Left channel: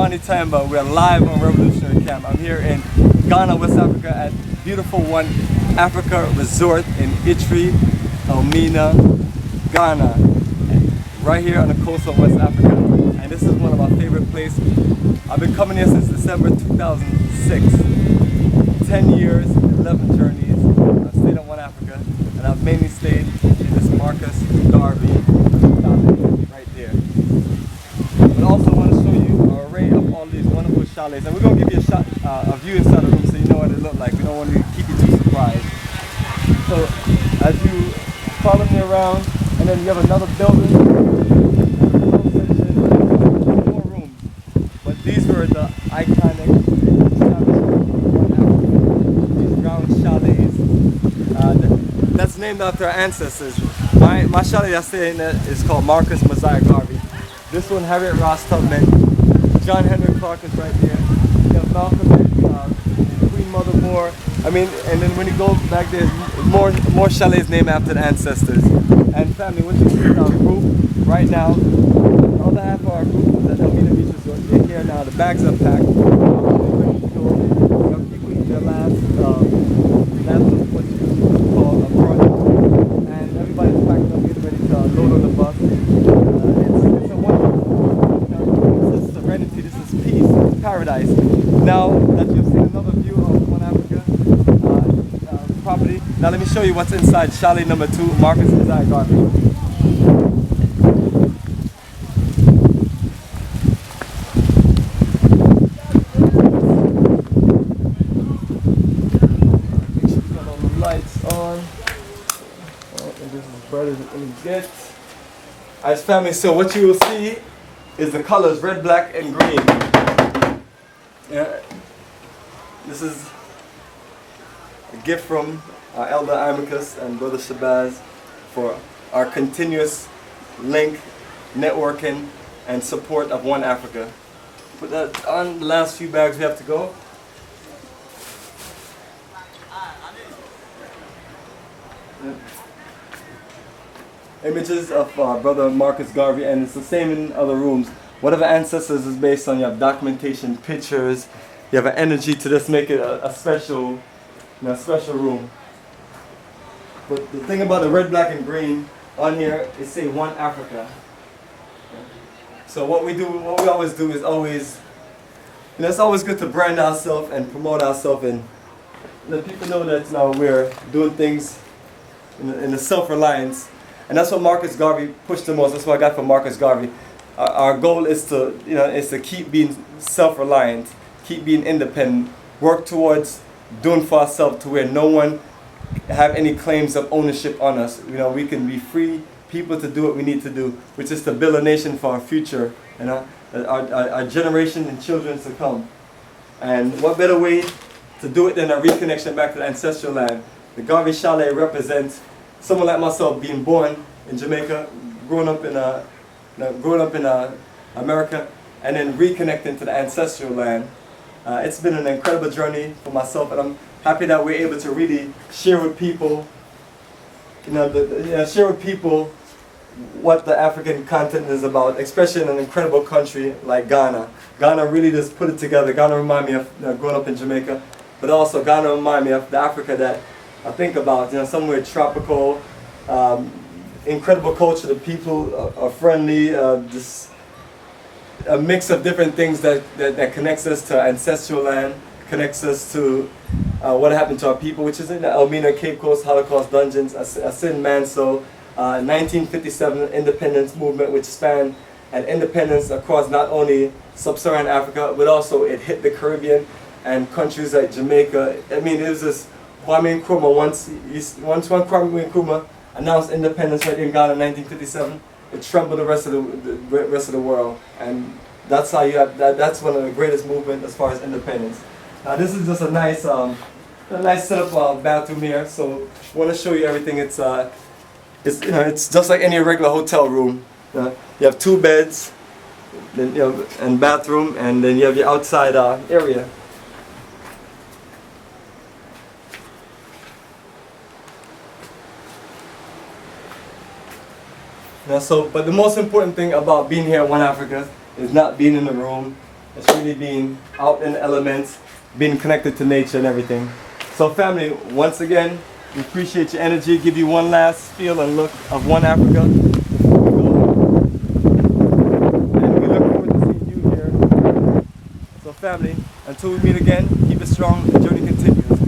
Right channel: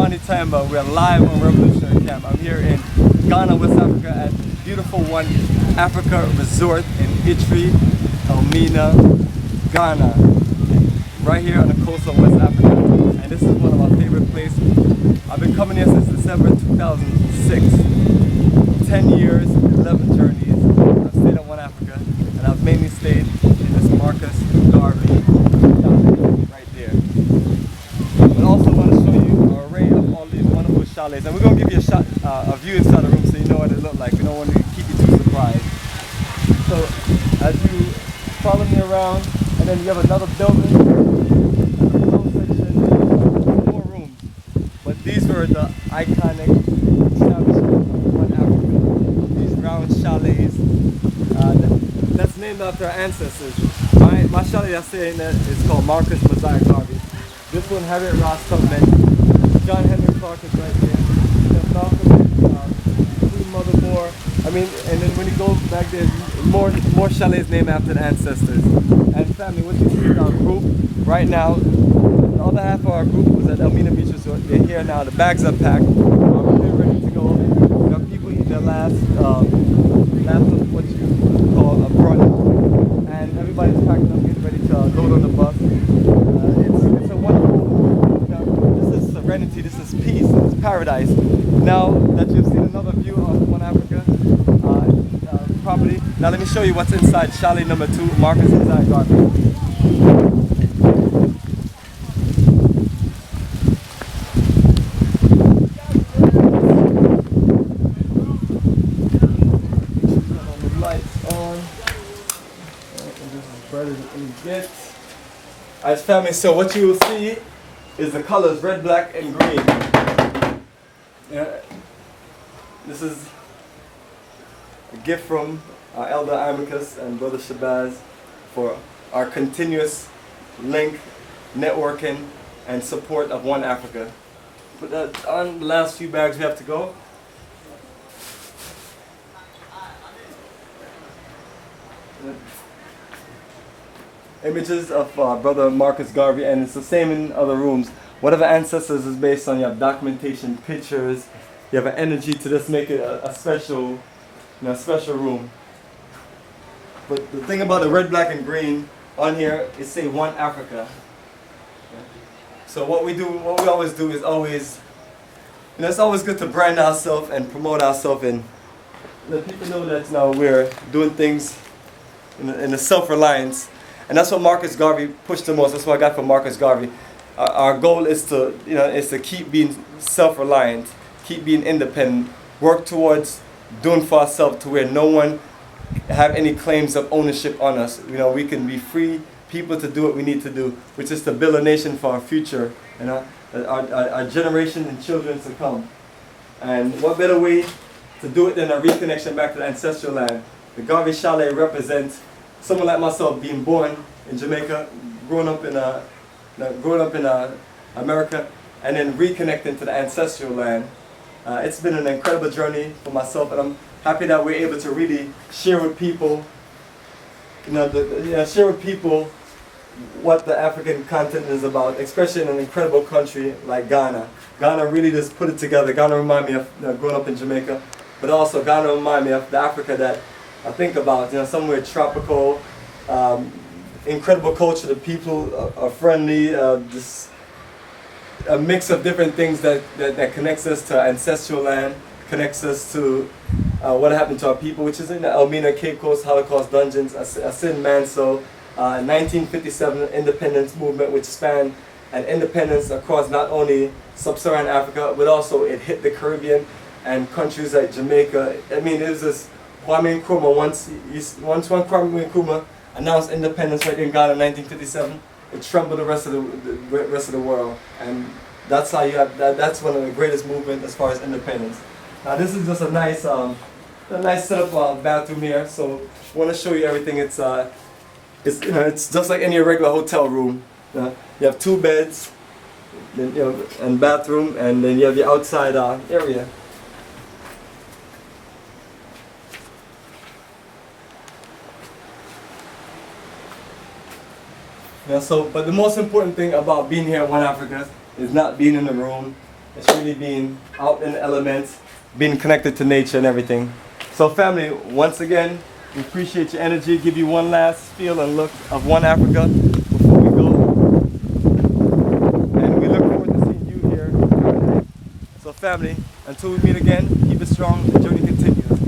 Bomani Tamba. We're live on Revolutionary Camp. I'm here in Ghana, West Africa at beautiful One Africa Resort in Itri, Elmina, Ghana. Right here on the coast of West Africa. And this is one of my favorite places. I've been coming here since December 2006. 10 years, 11 journeys. I've stayed at One Africa and I've mainly stayed in this Marcus Garvey chalet right there. But also want to show you an array of all these wonderful chalets, and we're going to give you a view inside the room so you know what it looks like. We don't want to keep you too surprised. So as you follow me around, and then you have another building, and the below section, 4 rooms. But these were the iconic establishment of One Africa. These round chalets. That's named after our ancestors. My chalet I stay in is called Marcus Mosiah Garvey. This one, Harriet Ross Tubman. John Henry Clark is right there. You have Malcolm X, Queen Mother Moore. I mean, and then when you go back there, more chalets named after the ancestors. And family, what you see is our group right now. The other half of our group was at Elmina Beach Resort. They're here now. The bags are packed. They're ready to go. We have people eating their last of what you call a brunch. And everybody's packed up, getting ready to load on the bus. It's a wonderful, this is serenity, this is peace, this is paradise. Now that you've seen another view of One Africa property, now let me show you what's inside chalet number 2, Marcus Mosiah Garvey. Make sure you got all the lights on. And this is as bright as it can get. Alright family, so what you will see is the colors red, black, and green. Yeah. This is a gift from our elder Amicus and brother Shabazz for our continuous link, networking, and support of One Africa. Put that on the last few bags we have to go. Yeah. Images of brother Marcus Garvey, and it's the same in other rooms. Whatever ancestors is based on, you have documentation, pictures, you have an energy to just make it a special, special room. But the thing about the red, black, and green on here is say One Africa. So what we always do is always, it's always good to brand ourselves and promote ourselves and let people know that now we're doing things in a self-reliance. And that's what Marcus Garvey pushed the most. That's what I got from Marcus Garvey. Our goal is to keep being self-reliant, keep being independent, work towards doing for ourselves to where no one have any claims of ownership on us. We can be free people to do what we need to do, which is to build a nation for our future, our generation and children to come. And what better way to do it than a reconnection back to the ancestral land? The Garvey Chalet represents someone like myself being born in Jamaica, growing up in America, and then reconnecting to the ancestral land. It's been an incredible journey for myself, and I'm happy that we're able to really share with people, share with people what the African continent is about, especially in an incredible country like Ghana. Ghana really just put it together. Ghana remind me of growing up in Jamaica, but also Ghana remind me of the Africa that I think about, somewhere tropical, incredible culture. The people are friendly. Just a mix of different things that connects us to ancestral land, connects us to what happened to our people, which is in the Elmina Cape Coast Holocaust dungeons, Asin Manso, 1957 independence movement, which spanned an independence across not only sub-Saharan Africa, but also it hit the Caribbean and countries like Jamaica. I mean, it was this Kwame Nkrumah, once Kwame Nkrumah announced independence right in Ghana in 1957, it trembled the rest of the world, and that's how you have that's one of the greatest movements as far as independence. Now this is just a nice setup bathroom here. So I want to show you everything. It's just like any regular hotel room. You have 2 beds, then and bathroom, and then you have your outside area. But the most important thing about being here at One Africa is not being in the room, It's really being out in the elements, being connected to nature and everything. So family, once again, we appreciate your energy. Give you one last feel and look of One Africa before we go. And we look forward to seeing you here in paradise. So family, until we meet again, keep it strong. The journey continues.